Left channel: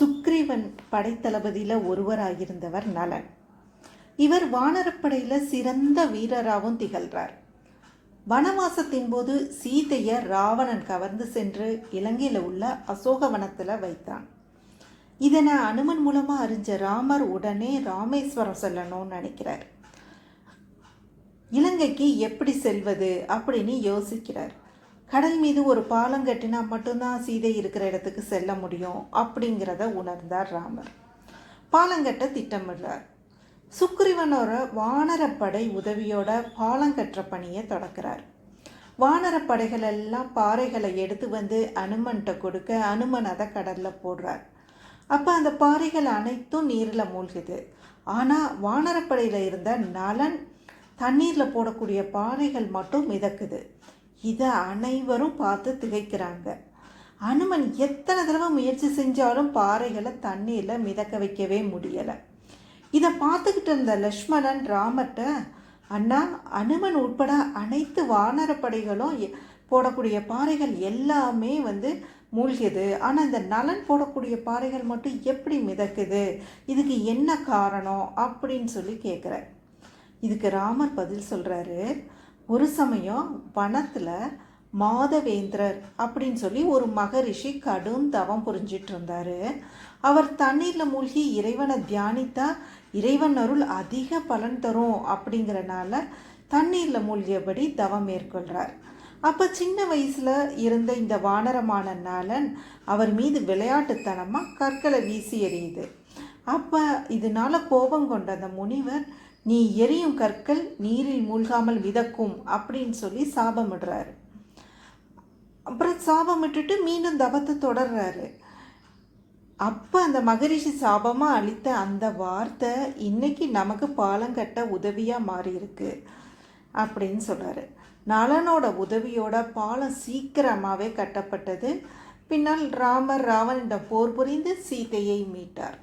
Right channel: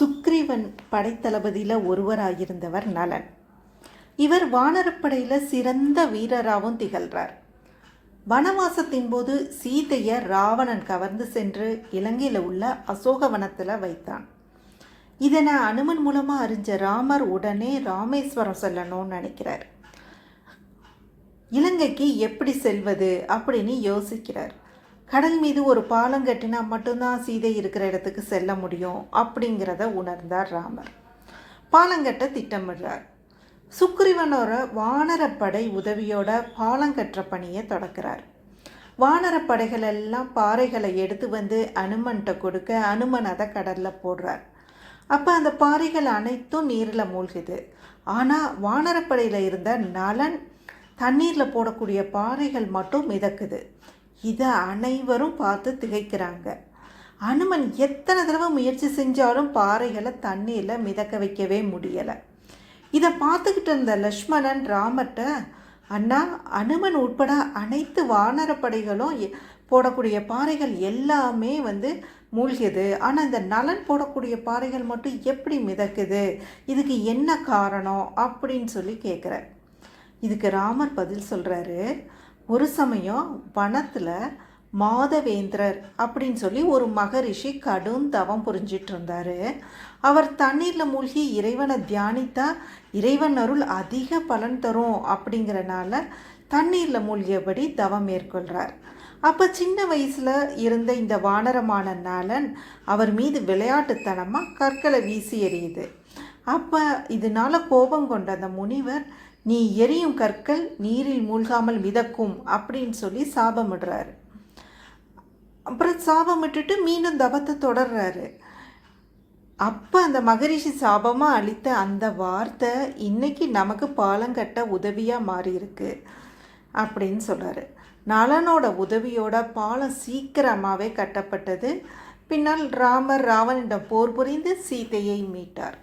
சுக்ரீவன் படைத்தளபதியில் ஒருவராயிருந்தவர் நலன். இவர் வானரப்படையில் சிறந்த வீரராகவும் திகழ்கிறார். வனவாசத்தின் போது சீதையை ராவணன் கவர்ந்து சென்று இலங்கையில் உள்ள அசோகவனத்தில் வைத்தான். இதனை அனுமன் மூலமாக அறிஞ்ச ராமர் உடனே ராமேஸ்வரம் செல்லணும்னு நினைக்கிறார். இலங்கைக்கு எப்படி செல்வது அப்படின்னு யோசிக்கிறார். கடல் மீது ஒரு பாலம் கட்டினா மட்டும்தான் சீதை இருக்கிற இடத்துக்கு செல்ல முடியும் அப்படிங்கிறத உணர்ந்தார் ராமர். பாலங்கட்ட திட்டமிடுறார். சுக்ரீவனோட வானரப்படை உதவியோட பாலங்கட்டுற பணியை தொடக்கிறார். வானரப்படைகள் எல்லாம் பாறைகளை எடுத்து வந்து அனுமன்கிட்ட கொடுக்க அனுமன் அதை கடலில் போடுறார். அப்போ அந்த பாறைகள் அனைத்தும் நீரில் மூழ்குது. ஆனால் வானரப்படையில் இருந்த நலன் தண்ணீரில் போடக்கூடிய பாறைகள் மட்டும் மிதக்குது. இதை அனைவரும் பார்த்து திகைக்கிறாங்க. அனுமன் எத்தனை தடவை முயற்சி செஞ்சாலும் பாறைகளை தண்ணீரில் மிதக்க வைக்கவே முடியலை. இதை பார்த்துக்கிட்டு இருந்த லக்ஷ்மணன் ராமர்கிட்ட, அண்ணா, அனுமன் உட்பட அனைத்து வானரப்படைகளும் போடக்கூடிய பாறைகள் எல்லாமே மூழ்கியது, ஆனால் இந்த நலன் போடக்கூடிய பாறைகள் மட்டும் எப்படி மிதக்குது, இதுக்கு என்ன காரணம் அப்படின்னு சொல்லி கேட்குறார். இதுக்கு ராமர் பதில் சொல்கிறாரு, ஒரு சமயம் வனத்தில் மாதவேந்திரர் அப்படின்னு சொல்லி ஒரு மகரிஷி கடும் தவம் புரிஞ்சிட்டு இருந்தார். அவர் தண்ணீரில் மூழ்கி இறைவனை தியானித்தா இறைவன் அருள் அதிக பலன் தரும் அப்படிங்கிறனால தண்ணீரில் மூழ்கியபடி தவம் மேற்கொள்கிறார். அப்போ சின்ன வயசில் இருந்த இந்த வானரமான நலன் அவர் மீது விளையாட்டுத்தனமாக கற்களை வீசி எறியுது. அப்போ இதனால கோபம் கொண்ட அந்த முனிவர், நீ எரியும் கற்கள் நீரில் மூழ்காமல் மிதக்கும் அப்படின்னு சொல்லி சாபமிடுறாரு. அப்புறம் சாபமிட்டுட்டு மீண்டும் தவத்தை தொடர்றாரு. அப்போ அந்த மகரிஷி சாபமாக அளித்த அந்த வார்த்தை இன்னைக்கு நமக்கு பாலம் கட்ட உதவியாக மாறி இருக்கு அப்படின்னு சொல்கிறாரு. நலனோட உதவியோட பாலம் சீக்கிரமாகவே கட்டப்பட்டது. பின்னால் ராமர் ராவணனிடம் போர் புரிந்து சீதையை மீட்டார்.